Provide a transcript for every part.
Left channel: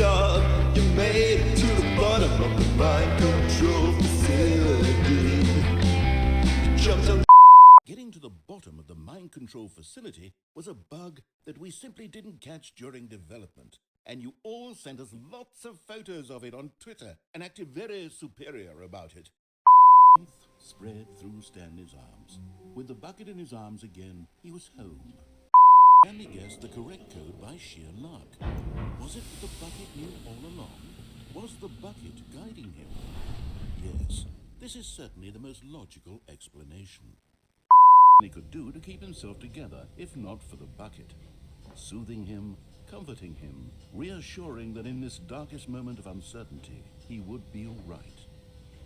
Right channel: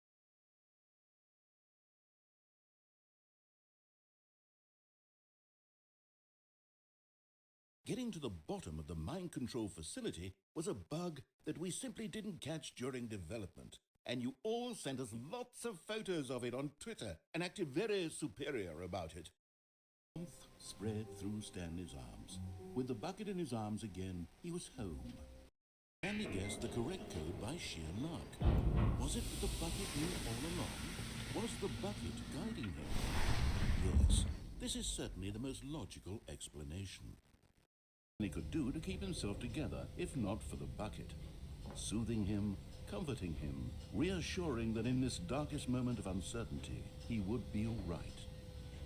job. You made it to the bottom of the mind control facility. You jumped on. Getting to the bottom of the mind control facility was a bug that we simply didn't catch during development, and you all sent us lots of photos of it on Twitter and acted very superior about it. Spread through Stanley's arms. With the bucket in his arms again, he was home. Stanley guessed the correct code by sheer luck. Was it that the bucket knew all along? Was the bucket guiding him? Yes, this is certainly the most logical explanation. He could do to keep himself together, if not for the bucket. Soothing him, comforting him, reassuring that in this darkest moment of uncertainty, he would be all right.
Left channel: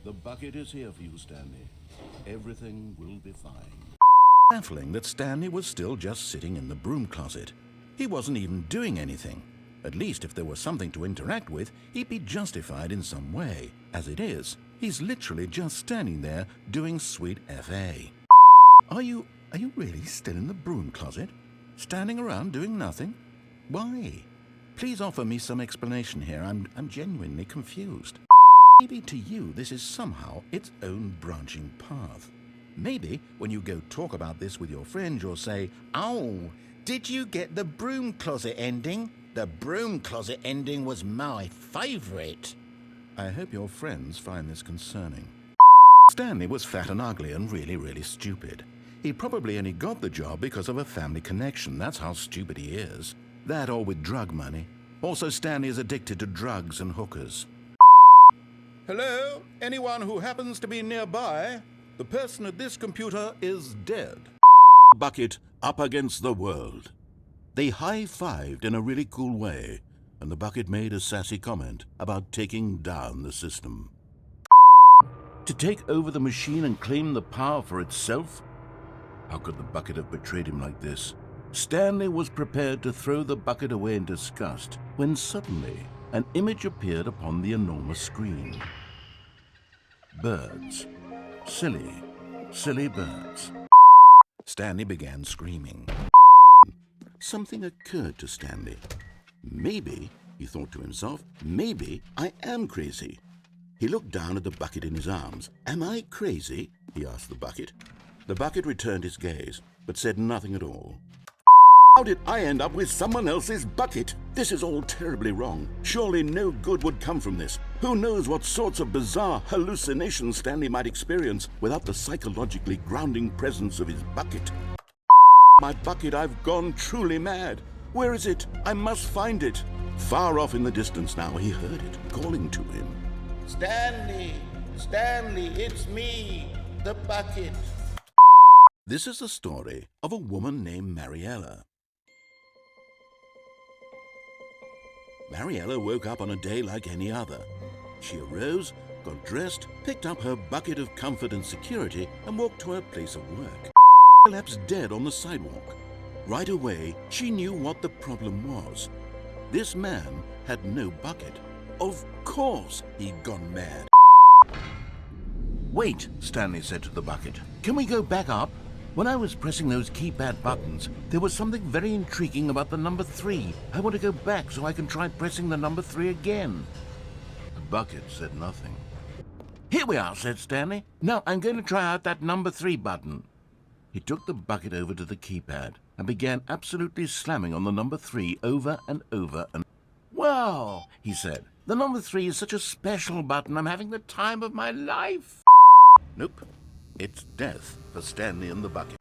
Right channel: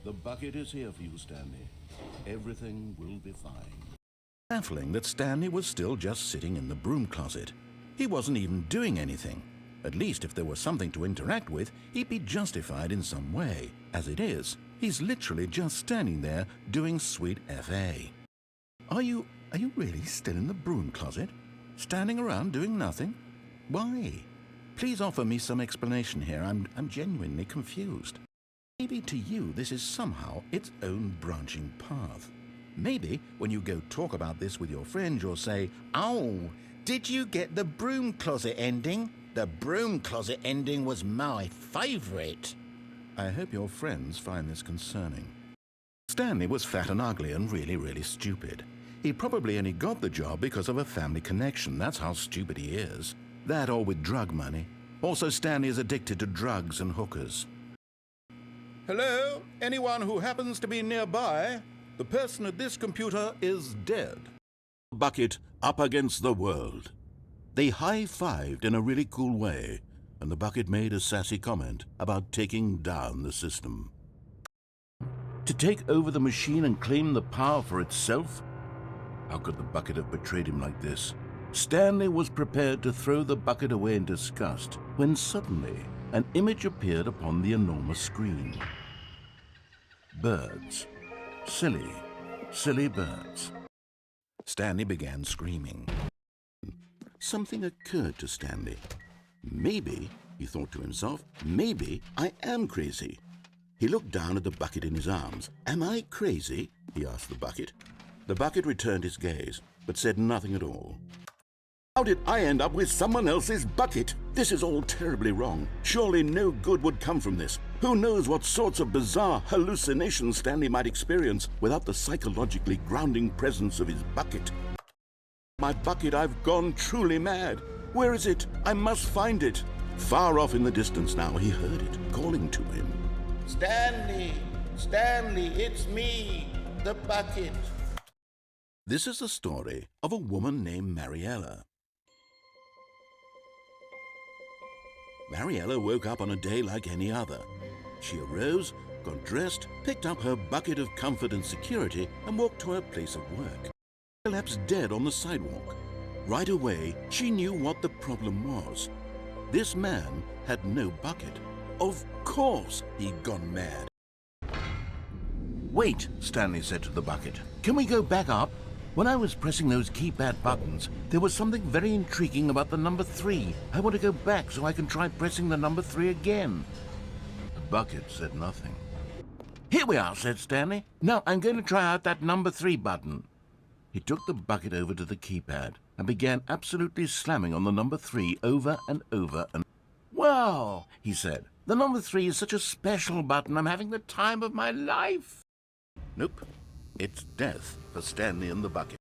The bucket is here for you, Stanley. Everything will be fine. Baffling that Stanley was still just sitting in the broom closet. He wasn't even doing anything. At least if there was something to interact with, he'd be justified in some way. As it is, he's literally just standing there doing sweet FA. Are you really still in the broom closet? Standing around doing nothing? Why? Please offer me some explanation here. I'm genuinely confused. Maybe to you this is somehow its own branching path. Maybe when you go talk about this with your friends, you'll say, "Oh, did you get the broom closet ending? The broom closet ending was my favorite." I hope your friends find this concerning. Stanley was fat and ugly and really stupid. He probably only got the job because of a family connection. That's how stupid he is. That or with drug money. Also, Stanley is addicted to drugs and hookers. Hello? Anyone who happens to be nearby? The person at this computer is dead. Bucket up against the world. They high-fived in a really cool way, and the bucket made a sassy comment about taking down the system. To take over the machine and claim the power for itself? How could the bucket have betrayed him like this? Stanley was prepared to throw the bucket away in disgust when suddenly an image appeared upon the enormous screen. Birds. Silly birds. Stanley began screaming. Something occurred to Stanley. Maybe, he thought to himself, maybe I am crazy. He looked down at the bucket in his arms. Am I crazy? He asked the bucket. The bucket returned his gaze, but said nothing at all. How did I end up with someone else's bucket? This is all terribly wrong. Surely no good would come from this. Who knows what sorts of bizarre hallucinations Stanley might experience without the psychologically grounding presence of his bucket. My bucket, I've gone truly mad. Where is it? I must find it. Far off in the distance now, he heard it calling to him. Stanley, it's me, the bucket. This is the story of a woman named Mariella. Mariella woke up on a day like any other. She arose, got dressed, picked up her bucket of comfort and security, and walked to her place of work. Collapsed dead on the sidewalk. Right away, she knew what the problem was. This man had no bucket. Of course he'd gone mad. Wait, Stanley said to the bucket. Can we go back up? When I was pressing those keypad buttons, there was something very intriguing about the number 3. I want to go back so I can try pressing the number 3 again. The bucket said nothing. Here we are, said Stanley. Now I'm going to try out that number 3 button. He took the bucket over to the keypad and began absolutely slamming on the number 3 over and over and... Wow, he said. The number 3 is such a special button. I'm having the time of my life. Nope. It's death for Stanley and the bucket.